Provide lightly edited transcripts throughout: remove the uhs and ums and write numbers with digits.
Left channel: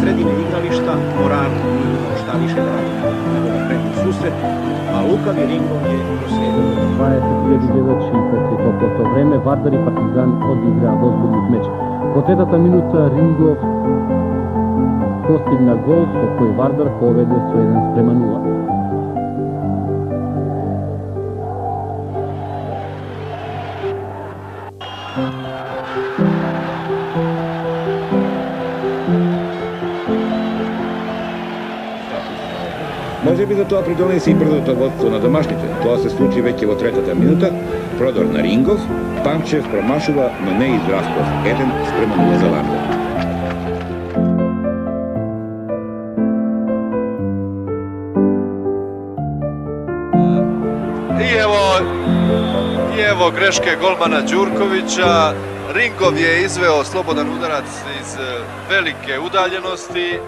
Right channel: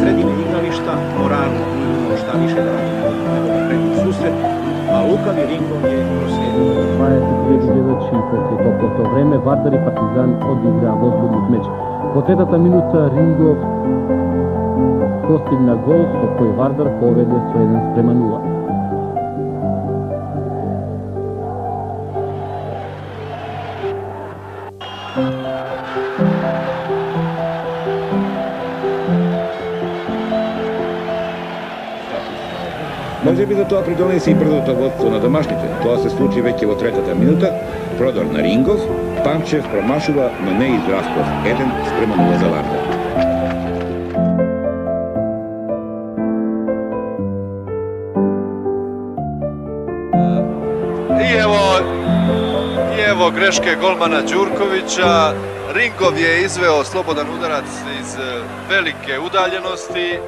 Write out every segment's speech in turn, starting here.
sredine igrališta Moraru nije imao šta više da radi nego da krene u susret, a lukavi ringom je proslijedio. 20.000 гледачи покрај топлото време, Вардар и Партизан одиграа возбуден меч. Во третата минута Рингов постигна гол со кој Вардар поведе со 1:0. Може би за тоа придонесе и брзото водство на домашните. Тоа се случи веќе во третата минута. Продор на Рингов, Панчев промашува, но не и Здравков. 1:0 за Вардар. И ево грешке голмана Ѓурковиќа. Рингов je izveo slobodan udarac iz velike udaljenosti.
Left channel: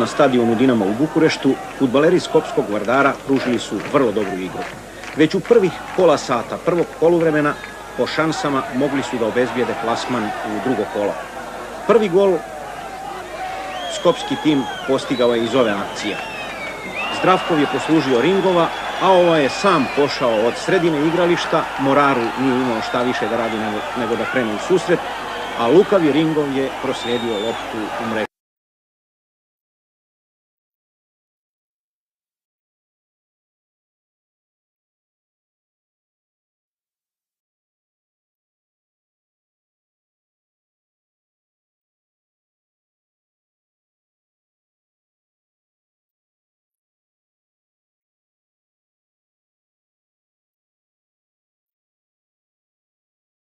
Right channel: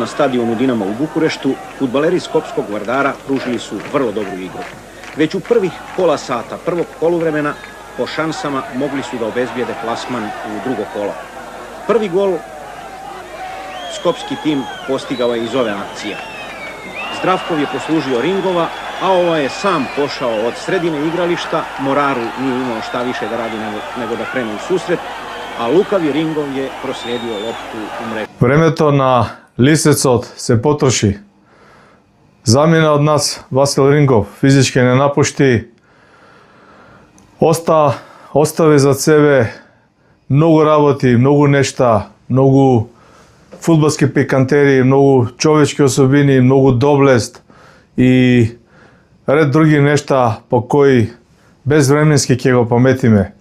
Na stadionu Dinama u Bukureštu, fudbaleri Skopskog Vardara pružili su vrlo dobru igru. Već u prvih pola sata prvog poluvremena po šansama mogli su da obezbijede plasman u drugo kolo. Prvi gol skopski tim postigao je iz ove akcije. Zdravkov je poslužio Ringova, a ovaj je sam pošao od sredine igrališta. Moraru nije imao šta više da radi nego da krene u susret, a lukavi Ringov je proslijedio loptu u mrežu. Времето на Лисецот се потроши. Замина од нас Васил Рингов физички не напушти. Остави за себе многу работи, многу нешта, многу фудбалски пикантери, многу човечки особини, многу доблест и ред други нешта по кои безвременски ќе го паметиме.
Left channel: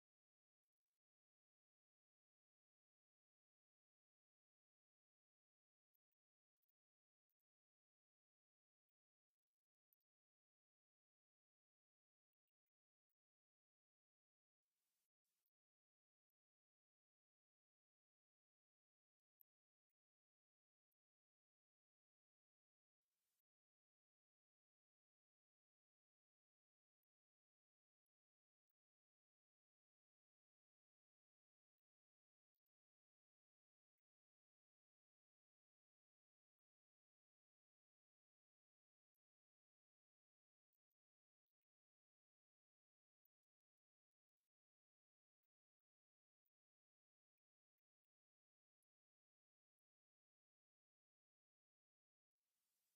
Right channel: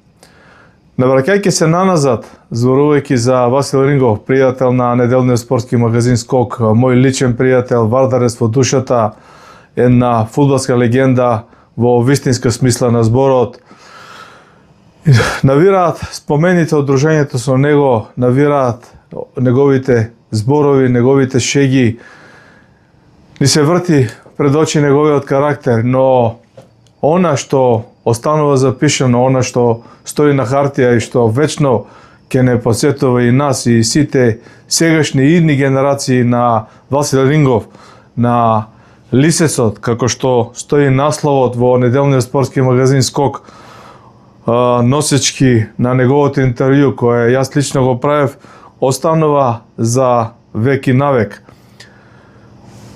Навраќајќи се наназад, зборувајќи за Васил Рингов, пријател на неделниот спортски магазин Скок, мој личен пријател, вардарец во душата, една фудбалска легенда во вистинска смисла на зборот. Навираат спомените од дружењето со него, навираат неговите зборови, неговите шеги. Ни се врти пред очи неговиот карактер, но она што останува запишано, она што стои на хартија и што вечно ќе не подсетува и нас и сите сегашни и идни генерации на Васил Рингов, на Лисецот, како што стои насловот во неделниот спортски магазин Скок, носечки на неговото интервју, кое јас лично го правев, останува за век и навек.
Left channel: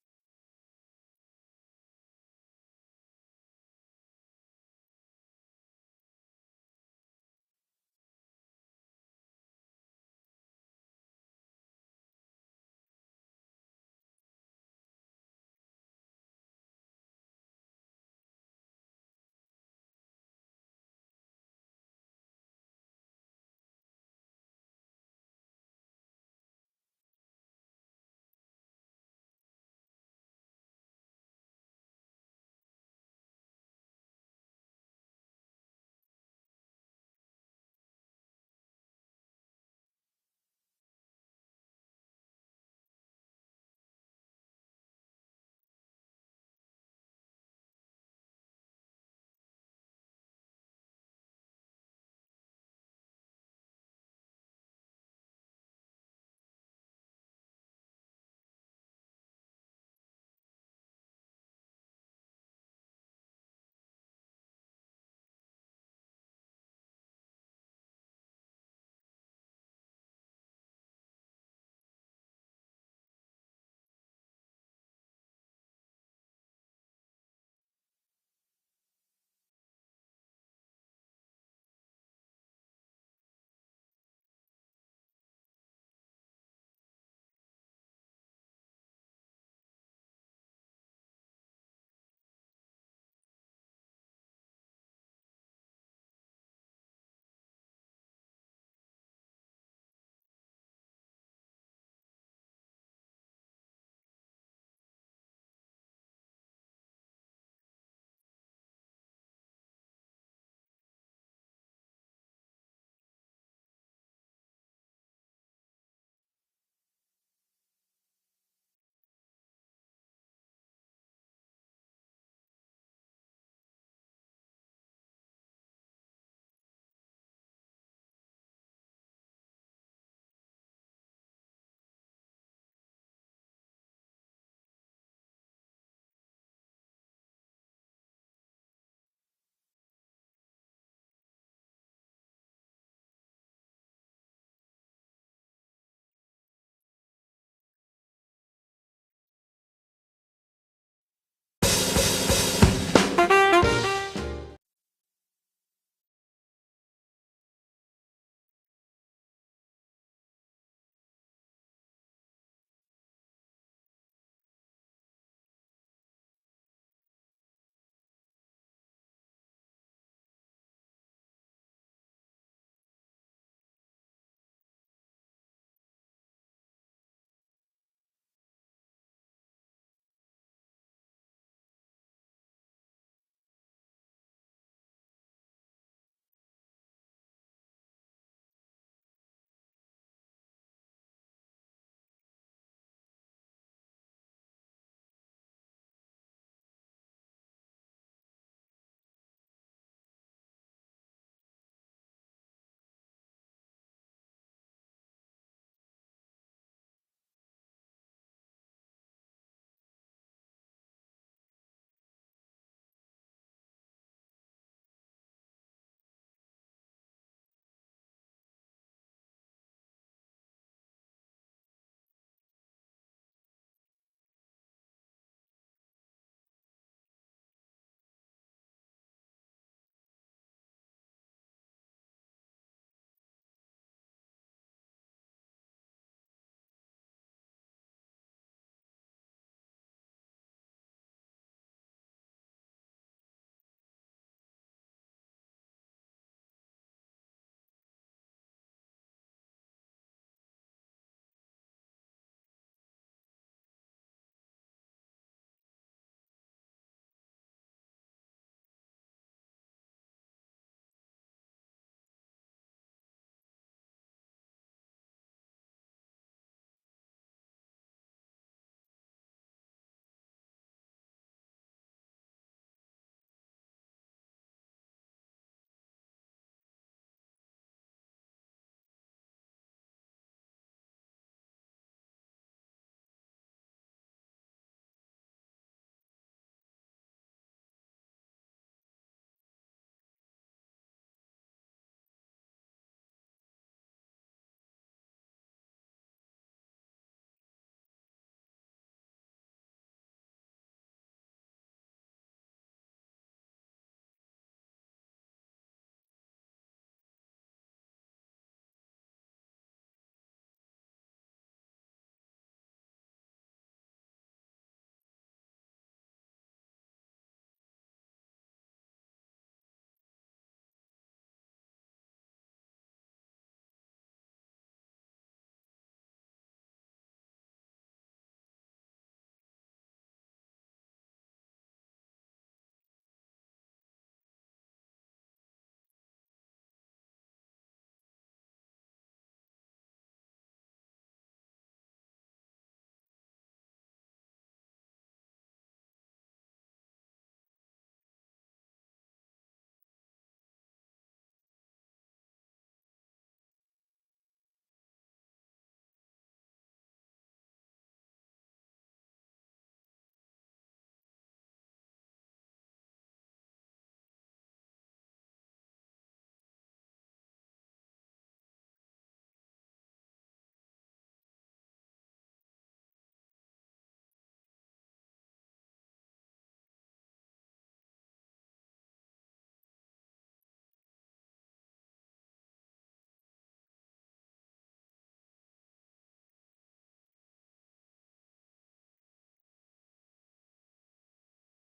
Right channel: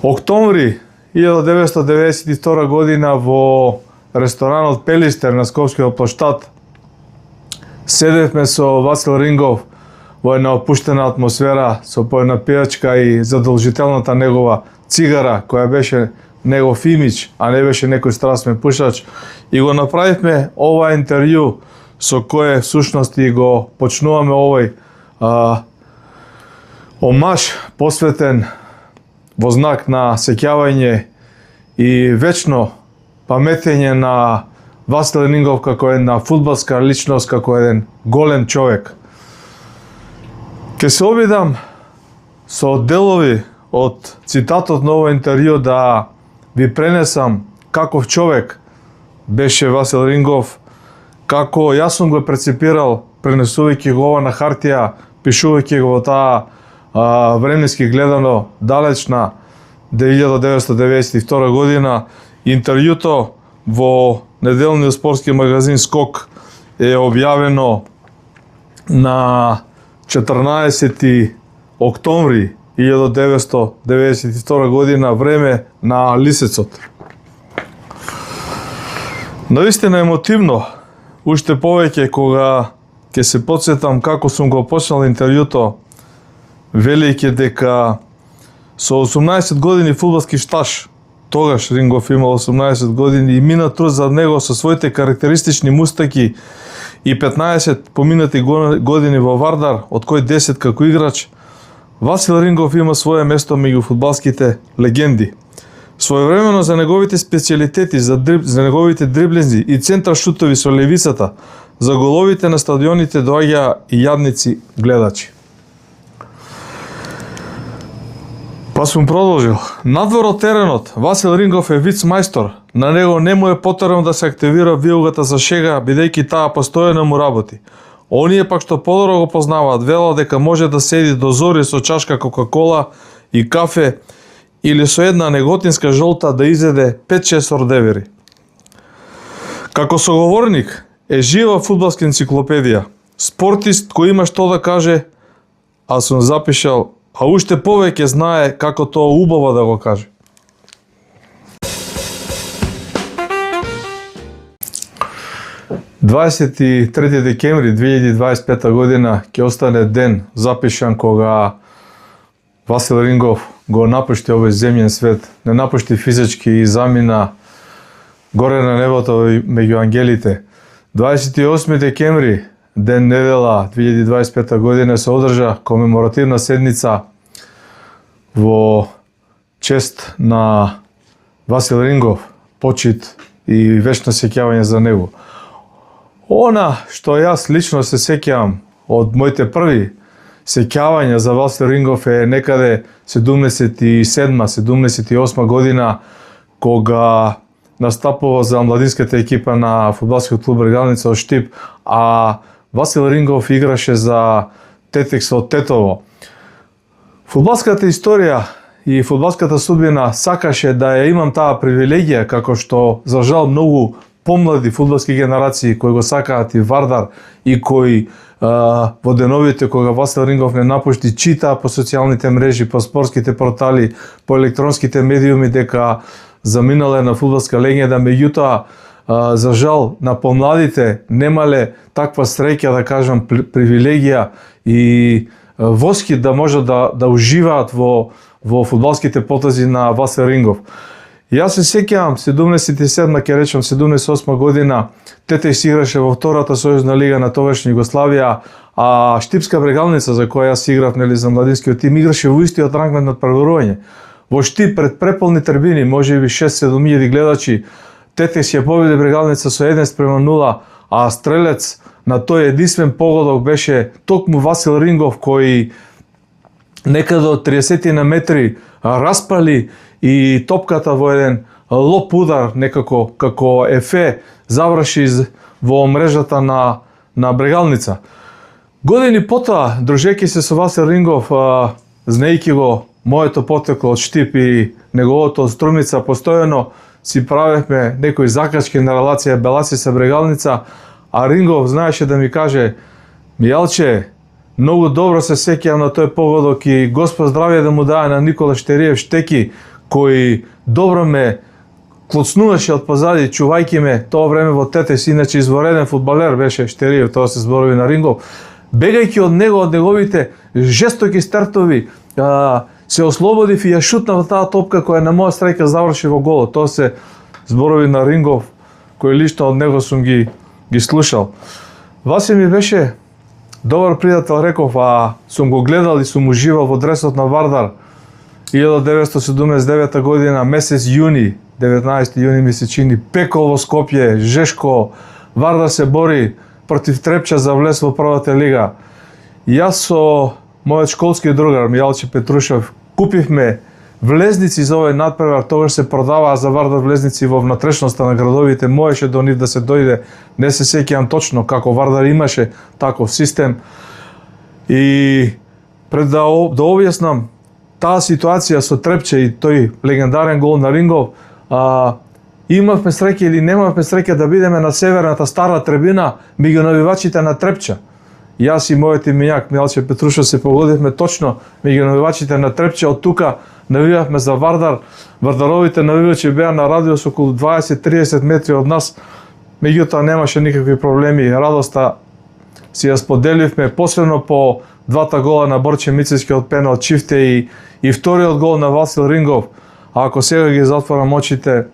Октомври 1992 година во ресторанот Пелистер на Скопскиот плоштад седевме со Васил Рингов во една опуштена атмосфера, со поедна пијачка и задолжителната негова цигара, која беше негов имидж, а не беше некој страстен пушач. И го направивме ова интервју со кое всушност и го почнуваме овој омаж посветен во знак на сеќавање и вечно паметење на Васил Рингов како една фудбалска личност, како еден голем човек. Ке се обидам со делови од цитатот на овој интервју да ви пренесам каков човек беше Васил Рингов, како јас сум го прецепирал пренесувајќи го ова на хартија, пишувајќи го во таа временски гледано далечна 1992 година. Интервјуто во неделниот спортски магазин Скок е објавено на 14 октомври 1992 година, време на Лисецот. Наистина емотивно, уште повеќе кога ќе се потсетам како сум го почнал интервјуто, велејќи дека со 18 години фудбалски стаж, тогаш Рингов имал 18 години и мина труд за него со своите карактеристични мустаки и 15 поминати години во Вардар, од кој 10 како играч, Васил Рингов има свое место меѓу фудбалските легенди. Своевремено за неговите специјалитети, за неговите дриблинзи и центар шутови со левицата, за головите на стадионите доаѓа и јадници гледачи. Па сум продолжил. Надвор од теренот, Васил Рингов е виц-мајстор. На него не му е потребно да се активира вилгата за шега, бидејќи таа постојано му работи. Оние пак што подобро го познаваат, велат дека може да седи до зори со чашка Кока-кола и кафе или со една неготинска жолта да изеде 5-6 ордевери. Како соговорник е жива фудбалска енциклопедија, спортист кој има што да каже, а сум запишал, а уште повеќе знае како тоа убаво да го каже. „23 декември 2025 година ќе остане ден запишан кога Васил Рингов го напушти овој земјен свет, не напушти физички и замина горе на небото меѓу ангелите. 28 декември, ден недела 2025 година, се одржа комеморативна седница во чест на Васил Рингов, почит и вечно сеќавање за него. Она што јас лично се сеќавам од моите први сеќавања за Васил Рингов е некаде 77-78 година, кога настапува за младинската екипа на фудбалскиот клуб Брегалница од Штип, а Васил Рингов играше за Тетекс од Тетово. Фудбалската историја и фудбалската судбина сакаше да ја имам таа привилегија, како што за жал многу помлади фудбалски генерации кои го сакаат и Вардар и кои во деновите кога Васил Рингов не напушти, читаа по социјалните мрежи, по спортските портали, по електронските медиуми дека заминале на фудбалска легенда, меѓутоа за жал на помладите немале таква среќа, да кажам, привилегија и воски да можат да уживаат во фудбалските потези на Васил Рингов. Јас се сеќавам 77-ма, ќе речам 78 година, Тетекс играше во втората сојузна лига на тогашна Југославија, а Штипска Брегалница, за која јас играв, нели, за младинскиот тим, играше во истиот ранг на надпреварување. Во Штип пред преполни трибини, можеби 6-7 гледачи, Тетекс ја победи Брегалница со 1-0, а стрелец на тој единствен погодок беше токму Васил Рингов, кој некаде од 30 на метри распали и топката во еден лоп удар, некако како ефе, заврши во мрежата на Брегалница. Години потоа, дружејќи се со Васил Рингов, знаејќи го моето потекло од Штип и неговото од Струмица, постојано си правевме некои закачки на релација Беласи со Брегалница, а Рингов знаеше да ми каже: Мијалче, многу добро се сеќавам на тој погодок и Господ здравје да му даде на Никола Штериев Штеки, кој добро ме клоцнуваше од позади, чувајќи ме тоа време во Тетекс, иначе извореден фудбалер беше Штериев, тоа се зборови на Рингов. Бегајќи од него, од неговите жестоки стартови, се ослободив и ја шутнав таа топка која на моја среќа заврши во голот. Тоа се зборови на Рингов, кој лично од него сум ги слушал. Васи ми беше добар пријател, реков, а сум го гледал и сум уживал во дресот на Вардар 1979 година, месец јуни, 19 јуни ми се чини, пекол во Скопје, жешко, Вардар се бори против Трепча за влез во првата лига. Јас со мојот школски другар Мијалче Петрушев купивме влезници за овој надпревар, тогаш се продаваа за Вардар влезници во внатрешноста на градовите, можеше до нив да се дојде, не се сеќавам точно како Вардар имаше таков систем. И пред да објаснам таа ситуација со Трепче и тој легендарен гол на Рингов, имавме среќа или немавме среќа да бидеме на северната стара трибина меѓу навивачите на Трепча. Јас и мојот имињак Мијалче Петрушев се погодивме точно меѓу навивачите на Трепче, од тука навивавме за Вардар. Вардаровите навивачи беа на радиус околу 20-30 метри од нас, меѓутоа немаше никакви проблеми, радоста си ја споделивме, посебно по двата гола на Борче Мицевски од пенал Чифте и вториот гол на Васил Рингов. А ако сега ги затворам очите,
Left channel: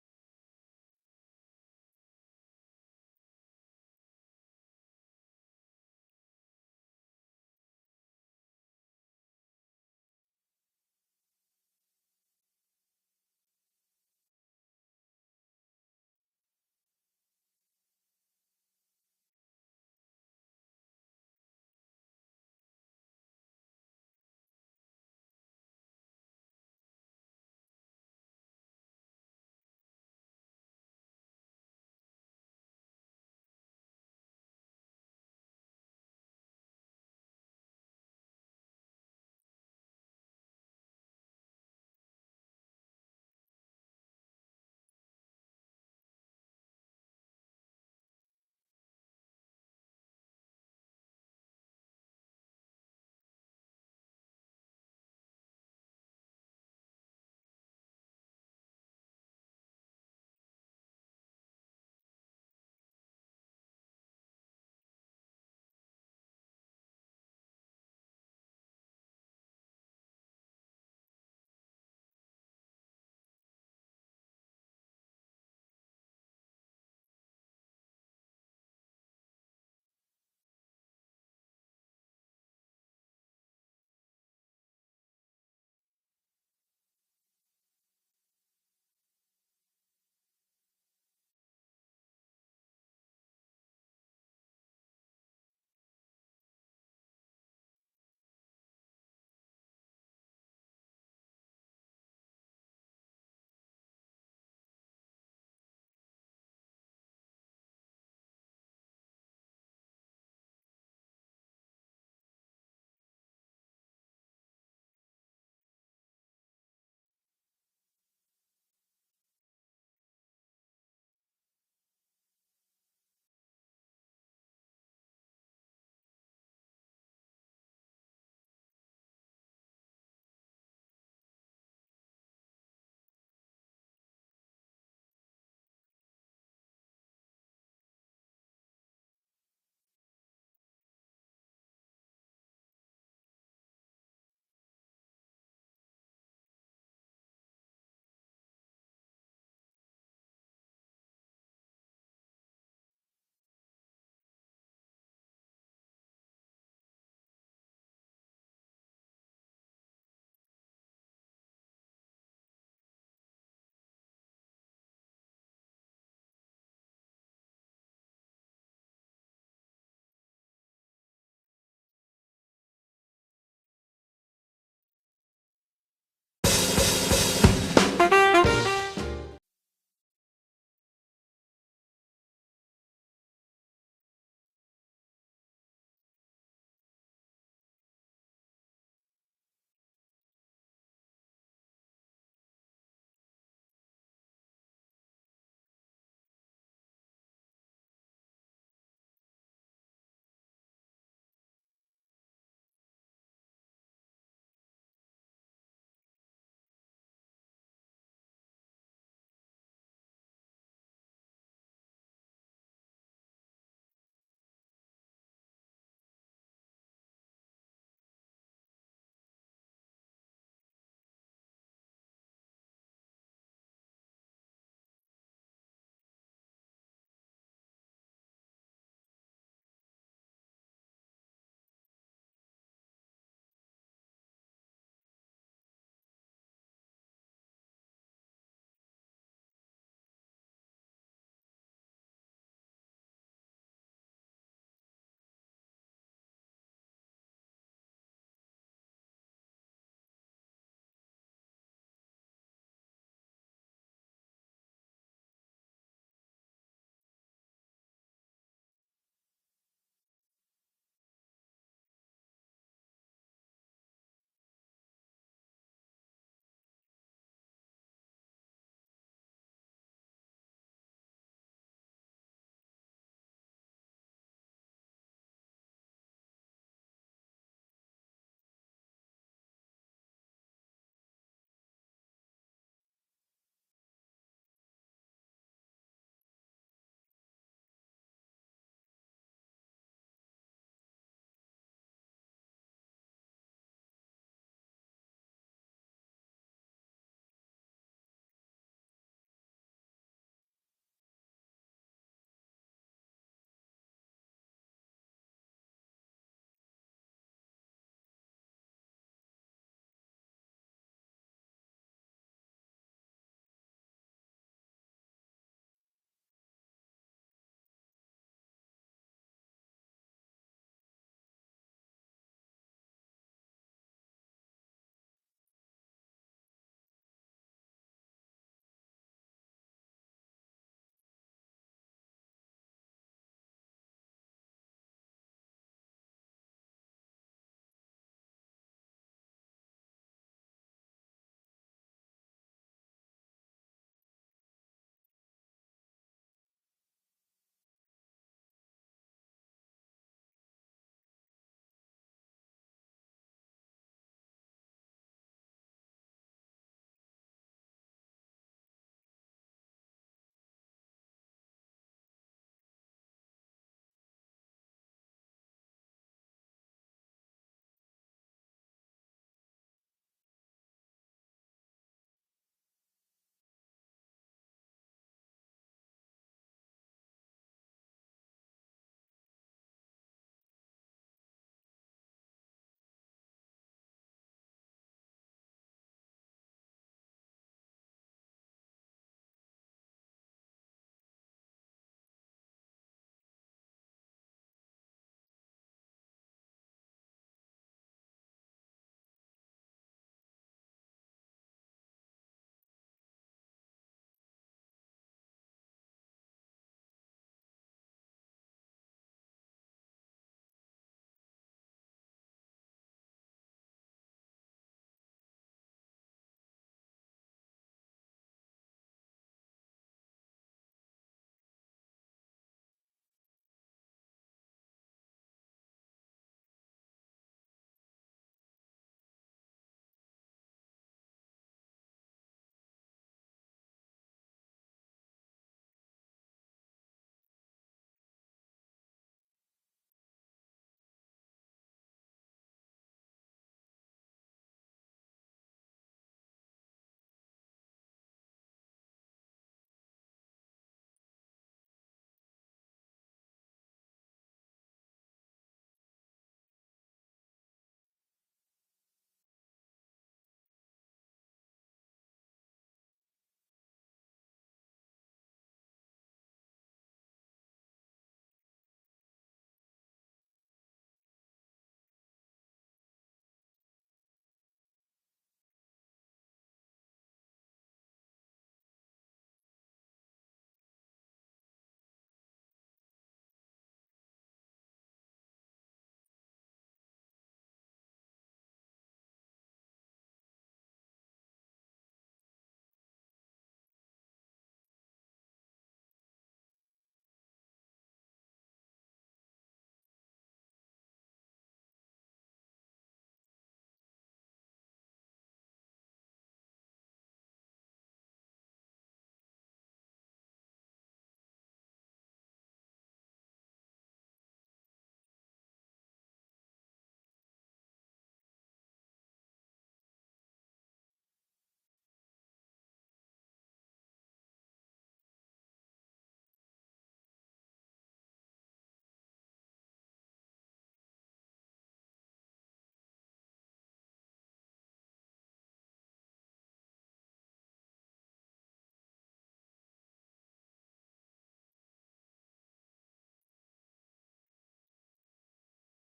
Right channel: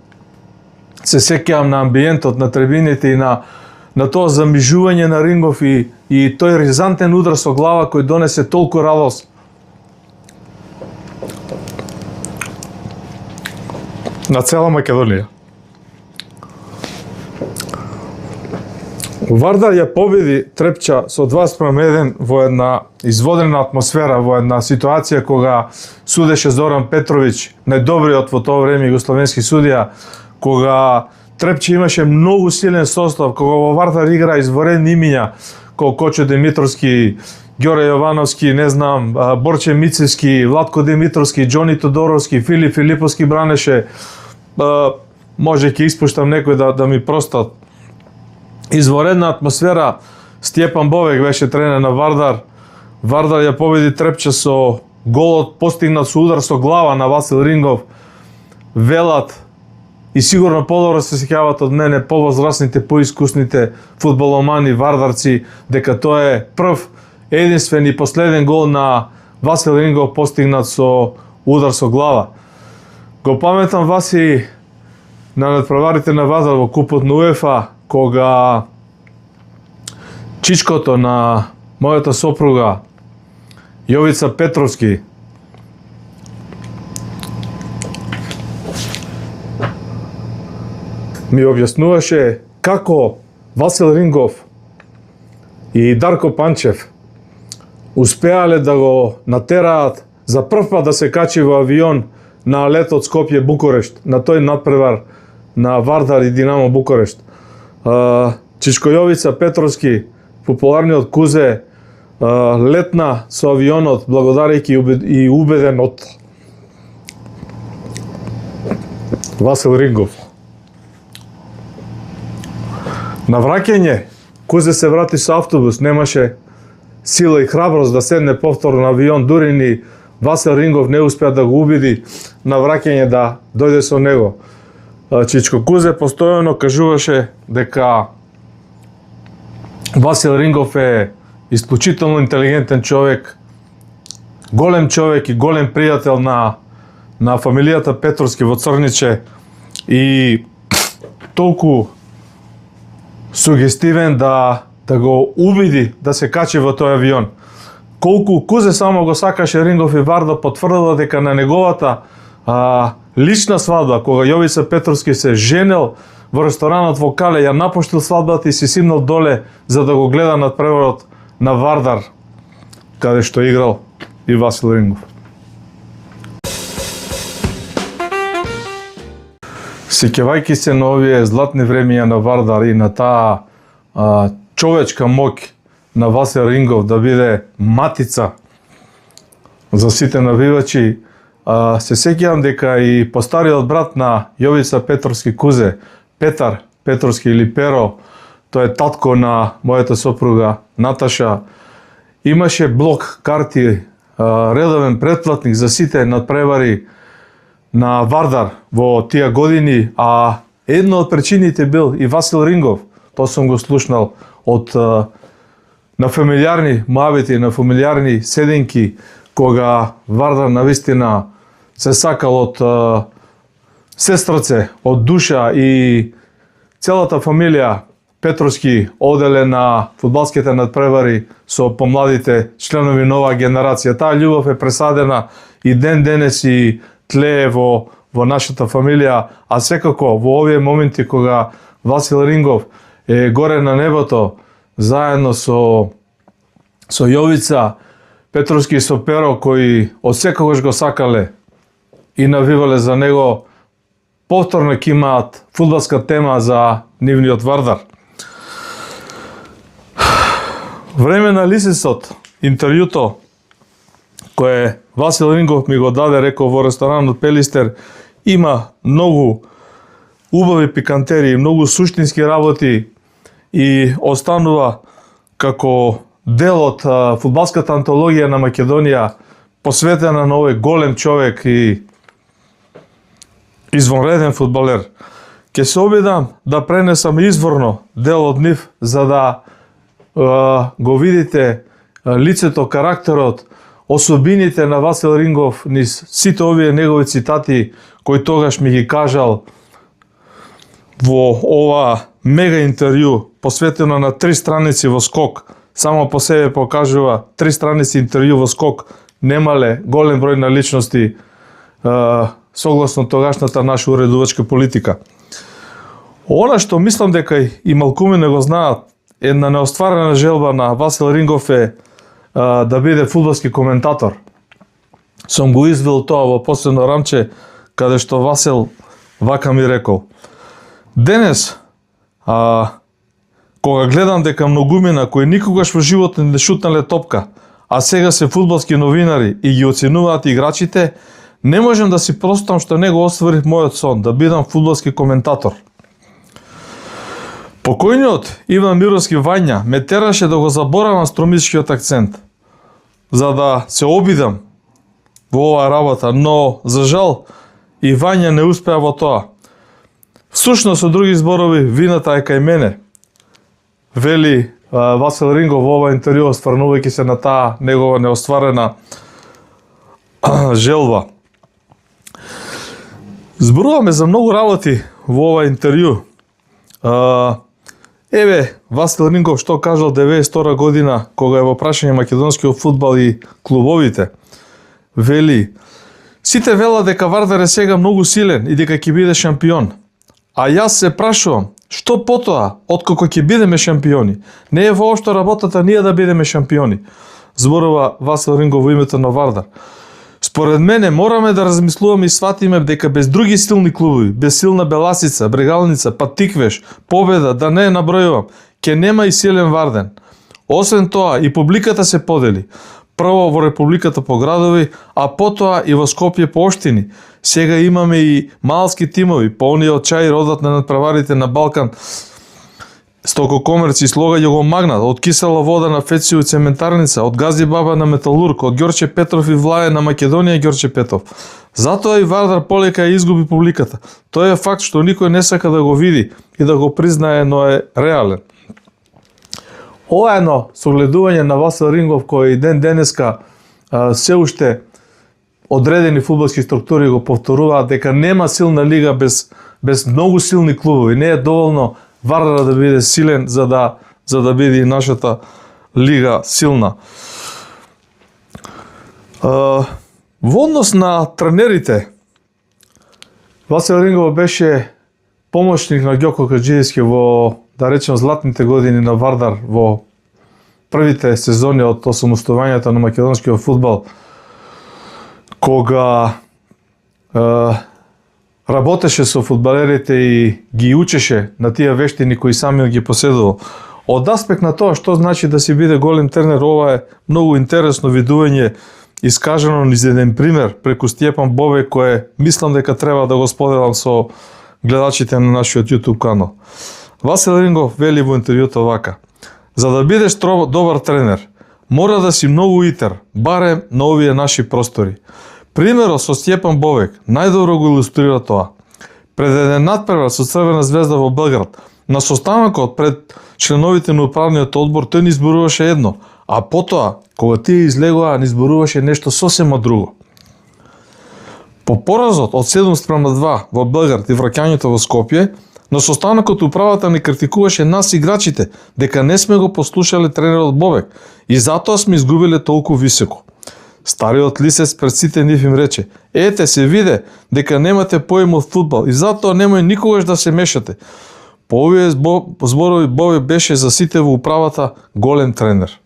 се сеќавам на амбиентот, на трибините и на тоа замижување на Рингов и тој ризантен удар со глава кој донесе толку радост. На цела Македонија. Вардар ја победи Трепча со 2:1 во една изводена атмосфера, во една ситуација кога судеше Зоран Петровиќ, најдобриот во тоа време југословенски судија, кога Трепче имаше многу силен состав, кога во Вардар игра изворедни имиња, Кочо Димитровски, Ѓоре Јовановски, не знам, Борче Мицевски, Владко Димитровски, Џони Тодоровски, Филип Филиповски бранеше. Може ќе испуштам некој да ми простат. Изворедна атмосфера. Стјепан Бовек беше тренер на Вардар. Вардар ја победи Трепча со голот постигнат со удар со глава на Васил Рингов. Велат и сигурно подобро се сеќаваат од мене повозрасните, поискусните фудбаломани вардарци дека тоа е прв, единствен и последен гол на Васил Рингов постигнат со удар со глава. Го паметам Васи на надпреварите на Вардар во купот на УЕФА, кога чичкото на мојата сопруга Јовица Петровски ми објаснуваше како Васил Рингов и Дарко Панчев успеале да го натераат за прв пат да се качи во авион на летот Скопје Букурешт, на тој надпревар на Вардар и Динамо Букурешт. Чичко Јовица Петровски, популарниот Кузе, летна со авионот благодарејќи и убеден од Васил Рингов. На враќање, Кузе се врати со автобус, немаше сила и храброст да седне повторно на авион, дури ни Васил Рингов не успеа да го убеди на враќање да дојде со него. Чичко Кузе постојано кажуваше дека Васил Рингов е исклучително интелигентен човек, голем човек и голем пријател на фамилијата Петровски во Црниче и толку сугестивен да го убеди да се качи во тој авион. Колку Кузе само го сакаше Рингов и Вардар, потврдила дека на неговата лична свадба, кога Јовица Петровски се женел во ресторанот во Кале, ја напуштил свадбата и се симнал доле за да го гледа надпреварот на Вардар, каде што играл и Васил Рингов. Сеќавајќи се на овие златни времиња на Вардар и на таа човечка моќ на Васил Рингов да биде матица за сите навивачи, се сеќавам дека и постариот брат на Јовица Петровски Кузе, Петар Петровски или Перо, тој е татко на мојата сопруга Наташа, имаше блок карти, редовен претплатник за сите надпревари на Вардар во тие години, а една од причините бил и Васил Рингов. Тоа сум го слушнал од на фамилиарни муабети, на фамилиарни седенки, кога Вардар навистина се сакал од сестраце, од душа и целата фамилија Петровски оделе на фудбалските надпревари со помладите членови нова генерација. Таа љубов е пресадена и ден денес и тлее во нашата фамилија, а секако во овие моменти кога Васил Рингов е горе на небото, заедно со Јовица Петровски и со Перо, кои од секогаш го сакале и навивале за него, повторно ќе имаат фудбалска тема за нивниот Вардар. Време на Лисисот, интервјуто кое Васил Рингов ми го даде, рекол во ресторанот Пелистер, има многу убави пикантерии, многу суштински работи и останува како дел од фудбалската антологија на Македонија, посветена на овој голем човек и извонреден фудбалер. Ке се обидам да пренесам изворно дел од нив, за да го видите лицето, карактерот, особините на Васил Рингов низ сите овие негови цитати кои тогаш ми ги кажал во ова мега интервју, посветено на 3 страници во Скок. Само по себе покажува 3 страници интервју во Скок немале голем број на личности согласно тогашната наша уредувачка политика. Она што мислам дека и малкумите го знаат, една неостварена желба на Васил Рингов е да биде фудбалски коментатор. Сум го извил тоа во последно рамче, каде што Васил вака ми рекол: денес, кога гледам дека многумина кои никогаш во животот не шутнале топка, а сега се фудбалски новинари и ги оценуваат играчите, не можам да си простам што не го остварив мојот сон, да бидам фудбалски коментатор. Покојниот Иван Мировски Вања ме тераше да го заборавам стромискиот акцент, за да се обидам во оваа работа, но, за жал, и Вања не успеа во тоа. Всушност, со други зборови, вината е кај мене, вели Васил Рингов во ова интервју, стварнувајќи се на таа негова неостварена желба. Зборуваме за многу работи во ова интервју. Еве, Васил Рингов што кажал 92 година, кога е во прашање македонскиот фудбал и клубовите. Вели, сите велат дека Вардар е сега многу силен и дека ќе биде шампион. А јас се прашувам, што потоа, откако ќе бидеме шампиони? Не е воопшто работата ние да бидеме шампиони, зборува Васил Рингов во името на Вардар. Според мене мораме да размислуваме и сватиме дека без други силни клубови, без силна Беласица, Брегалница, Патиквеш, Победа, да не набројувам, ќе нема и силен Варден. Освен тоа, и публиката се подели. Прво во Републиката по градови, а потоа и во Скопје по општини. Сега имаме и малски тимови, полни од чај родат на надпреварите на Балкан, стококомерци, слога ја го магнат, од кисела вода на Фецију и цементарница, од Гази Баба на Металург, од Ѓорче Петров и Влаје на Македонија Ѓорче Петров. Затоа и Вардар полека ја изгуби публиката. Тој е факт што никој не сака да го види и да го признае, но е реален. Ова е едно согледување на Васил Рингов кој ден денеска се уште одредени фудбалски структури го повторуваат дека нема силна лига без многу силни клубови. Не е доволно Вардар да биде силен за да биде и нашата лига силна. Во однос на тренерите, Васил Рингов беше помошник на Ѓоко Каџиевски во, да речем, златните години на Вардар во првите сезони од осамостојувањето на македонскиот фудбал, кога работеше со фудбалерите и ги учеше на тие вештини кои сами ги поседувал. Од аспект на тоа што значи да си биде голем тренер, ова е многу интересно видување, искажано низ еден пример преку Стјепан Бовек, кој мислам дека треба да го споделам со гледачите на нашиот YouTube канал. Васил Рингов вели во интервјуто вака: за да бидеш добар тренер, мора да си многу итер, барем на овие наши простори. Примерот со Стјепан Бовек најдобро го илустрира тоа. Пред еден надпревар со Црвена звезда во Белград, на состанокот пред членовите на управниот одбор, тој ни зборуваше едно, а потоа, кога тие излегоа, ни зборуваше нешто сосема друго. По поразот од 7:2 во Белград и враќањето во Скопје, на состанокот управата ни критикуваше нас играчите дека не сме го послушале тренерот Бовек и затоа сме изгубиле толку високо. Стариот лисец пред сите нив им рече: ете се виде дека немате поим од фудбал и затоа немој никогаш да се мешате. По овие зборови Бовек беше за сите во управата голем тренер.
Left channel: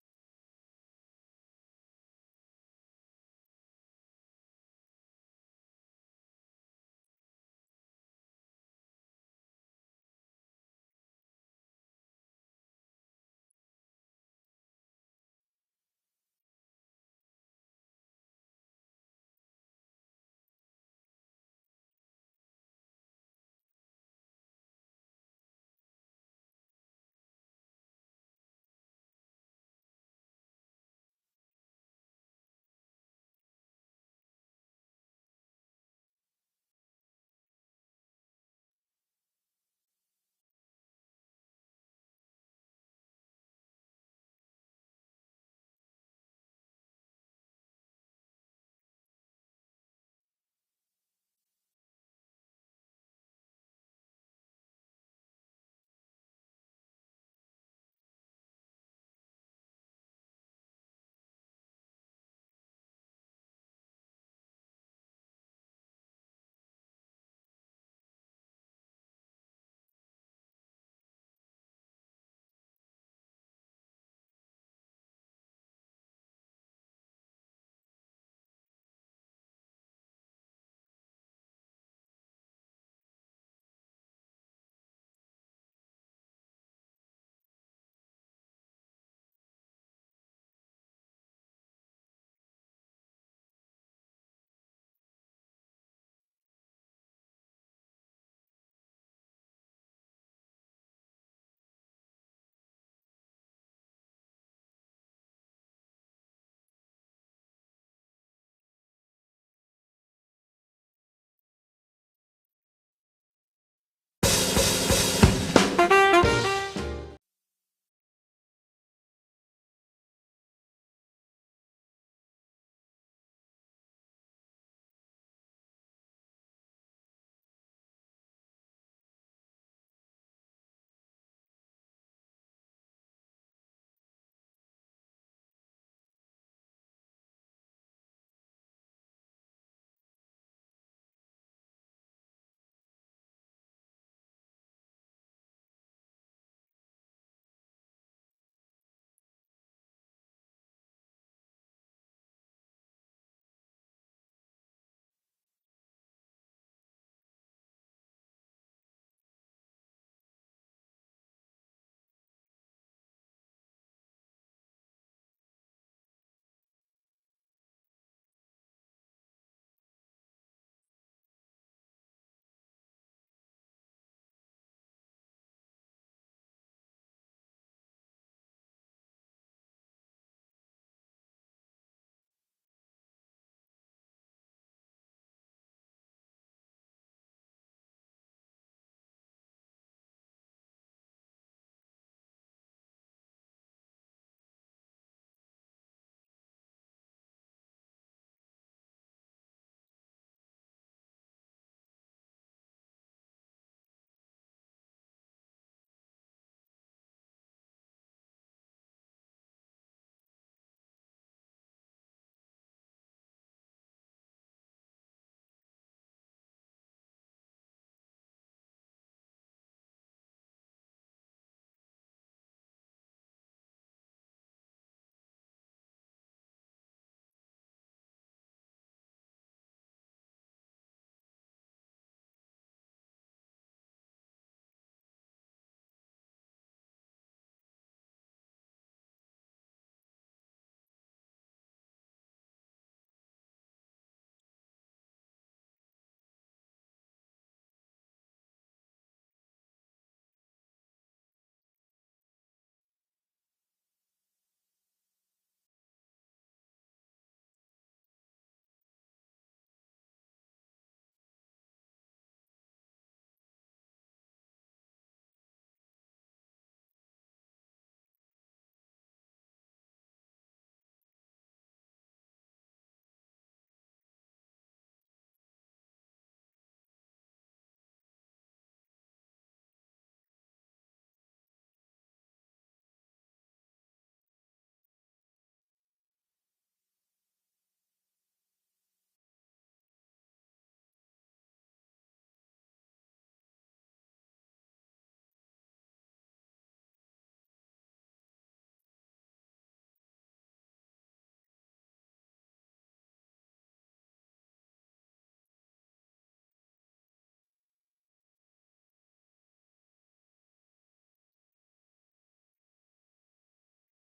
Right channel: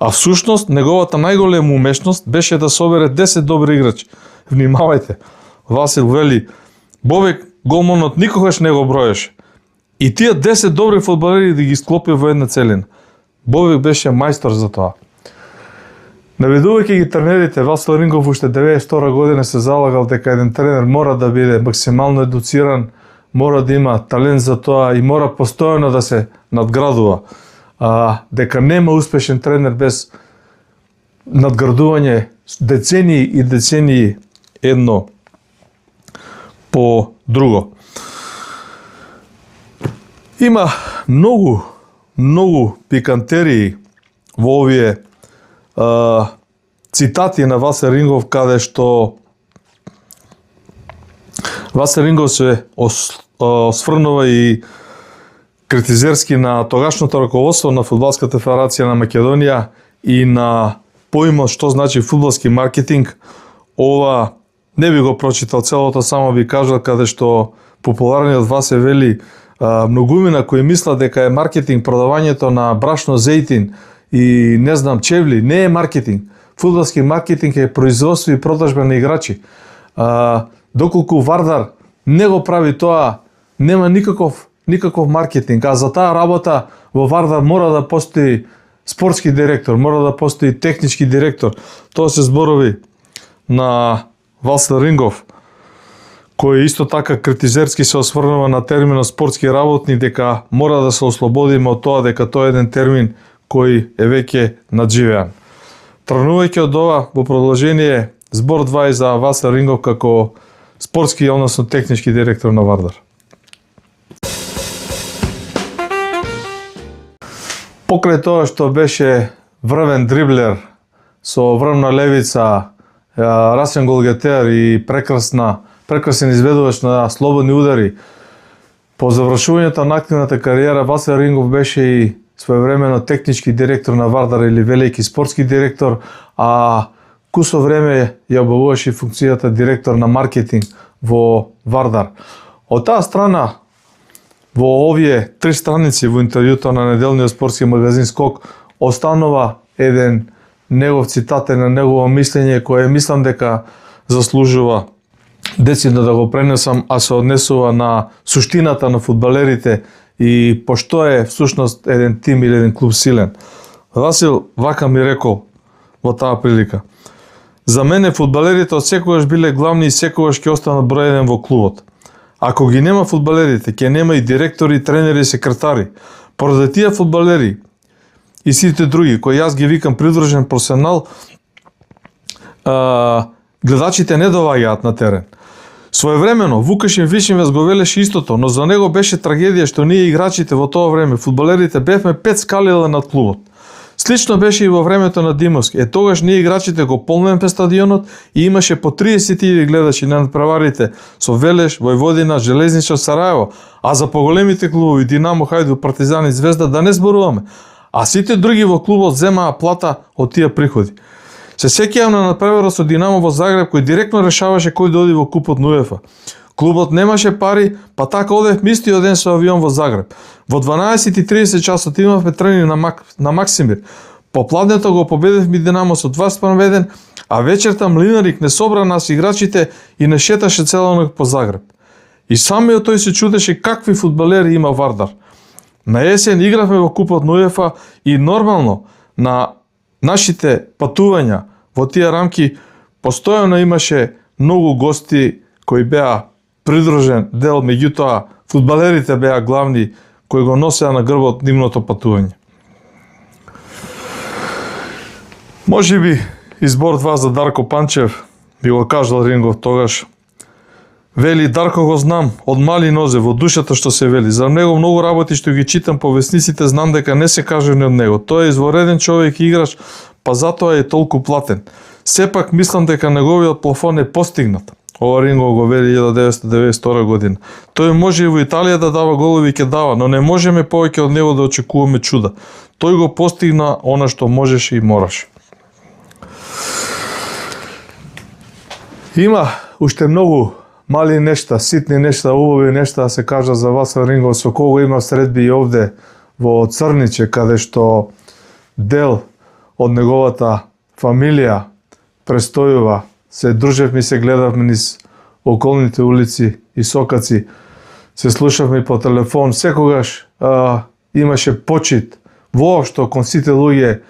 А всушност неговата најголема умешност беше да собере 10 добри играчи. Внимавајте, Васил вели, Бовек голманот никогаш не го броеше. И тие 10 добри фудбалери да ги склопи во една целина. Бовек беше мајстор за тоа. Наведувајќи ги тренерите, Васил Рингов уште 92 година се залагал дека еден тренер мора да биде максимално едуциран, мора да има талент за тоа и мора постојано да се надградува. Дека нема успешен тренер без надградување децении и децении едно по друго. Има многу пикантерии во овие цитати на Васил Рингов, каде што Васил Рингов се осврнува и критизерски на тогашното раководство на Фудбалската федерација на Македонија и на поимот што значи фудбалски маркетинг. Ова не би го прочитал целото, само би кажал каде што популарниот Васе вели многумина кои мислат дека е маркетинг продавањето на брашно, зејтин и не знам чевли. Не е маркетинг. Фудбалски маркетинг е производство и продажба на играчи. Доколку Вардар не го прави тоа, нема никаков маркетинг. А за таа работа во Вардар мора да постои спортски директор, мора да постои технички директор. Тоа се зборови на Васил Рингов, кој исто така критизерски се осврнува на терминот спортски работник, дека мора да се ослободиме од тоа дека тоа е еден термин кој е веќе надживеан. Тргнувајќи од ова, во продолжение, збор 2 за Васил Рингов како спортски, односно технички директор на Вардар. Покрај тоа што беше врвен дриблер со врвна левица, расен голгетер и прекрасен изведувач на слободни удари, по завршувањето на активната кариера Васил Рингов беше и своевремено технички директор на Вардар или велики спортски директор, а кусо време ја обавуваше функцијата директор на маркетинг во Вардар. Од таа страна, во овие 3 страници во интервјуто на неделниот спортски магазин Скок останува еден негов цитат, на негово мислење кое мислам дека заслужува децидно да го пренесам, а се однесува на суштината на фудбалерите и пошто е всушност еден тим или еден клуб силен. Васил вака ми рекол во таа прилика: за мене фудбалерите од секогаш биле главни и секогаш ќе останат број еден во клубот. Ако ги нема фудбалерите, ќе нема и директори, тренери и секретари. Поради тие фудбалери и сите други, кои јас ги викам придружен професионал, гледачите не доваѓаат на терен. Своевремено Вукашин Вишинвес го велеше истото, но за него беше трагедија што ние играчите во тоа време, фудбалерите, бевме 5 скалила над клубот. Слично беше и во времето на Димовски. Тогаш ние играчите го полневме стадионот и имаше по 30.000 гледачи на надпреварите со Велеш, Војводина, Железничар, Сараево, а за поголемите клубови Динамо, Хајдук, Партизан и Звезда да не зборуваме. А сите други во клубот земаа плата од тие приходи. Се сеќавам на надпреварот со Динамо во Загреб, кој директно решаваше кој да оди во купот на УЕФА. Клубот немаше пари, па така одев истиот ден со авион во Загреб. Во 12:30 часот имавме тренинг на Максимир. Попладнето го победевме Динамо со 2:1, а вечерта Млинарик не собра нас играчите и не шеташе цела ноќ по Загреб. И самиот тој се чудеше какви фудбалери има Вардар. На есен игравме во купот на УЕФА и нормално на нашите патувања во тие рамки постојано имаше многу гости кои беа придружен дел, меѓутоа фудбалерите беа главни кои го носеа на грбот нивното патување. Може би избор 2 за Дарко Панчев би го кажал Рингов тогаш. Вели: Дарко го знам од мали нозе, во душата што се вели. За него многу работи што ги читам по весниците, знам дека не се кажани од него. Тој е извореден човек и играч, па затоа е толку платен. Сепак мислам дека неговиот плафон е постигнат. Ова Рингов го вели 1992 година. Тој може и во Италија да дава голови и ќе дава, но не можеме повеќе од него да очекуваме чуда. Тој го постигна она што можеше и мораше. Има уште многу мали нешта, ситни нешта, убави нешта да се кажа за Васил Рингов, со кого има средби и овде во Црниче, каде што дел од неговата фамилија престојува. Се дружевме и се гледавме низ околните улици и сокаци, се слушавме по телефон, секогаш имаше почит воопшто кон сите луѓе,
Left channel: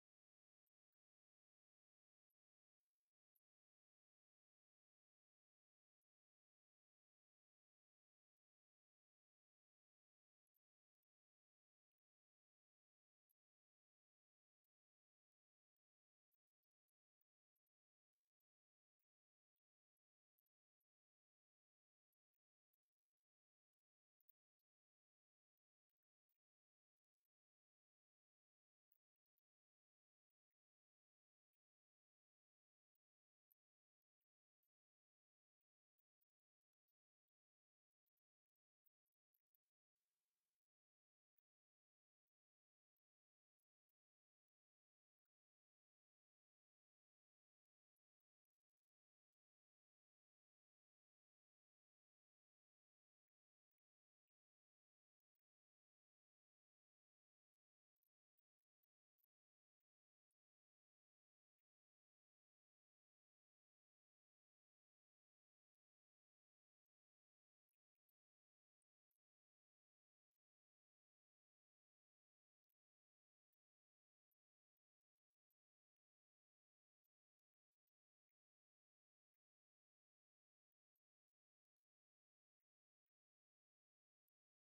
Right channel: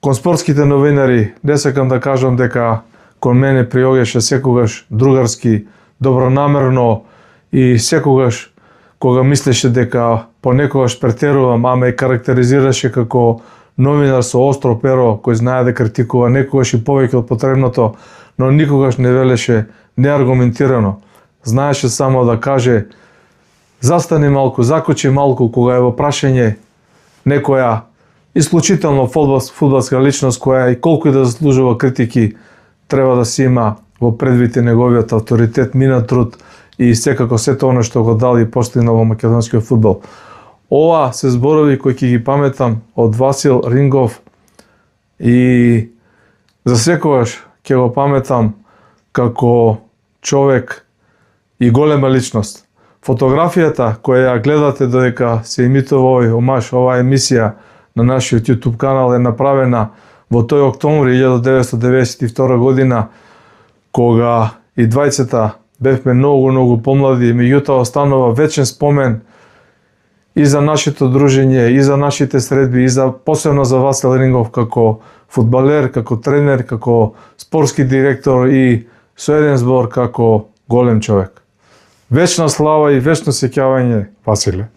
кон спортските новинари. Не сакам да кажам дека кон мене приоѓаше секогаш другарски, добронамерно и секогаш кога мислеше дека понекогаш претерувам, а ме карактеризираше како новинар со остро перо кој знае да критикува некогаш и повеќе од потребното, но никогаш не велеше неаргументирано. Знаеше само да каже: застани малку, закочи малку, кога е во прашање некоја исклучително фудбалска личност која и колку и да заслужува критики, треба да си има во предвид неговиот авторитет, минат труд и секако сето оно што го дал и постигнал во македонскиот фудбал. Ова се зборови кои ќе ги паметам од Васил Рингов и за секогаш ќе го паметам како човек и голема личност. Фотографијата која ја гледате додека се емитува овој омаж, оваа емисија на нашиот YouTube канал е направена во тој октомври 1992 година, кога и двајцата бевме многу помлади, меѓутоа останува вечен спомен и за нашето дружење, и за нашите средби, и за посебно за Васил Рингов како фудбалер, како тренер, како спортски директор и со еден збор како голем човек. Вечна слава и вечно сеќавање, Василе.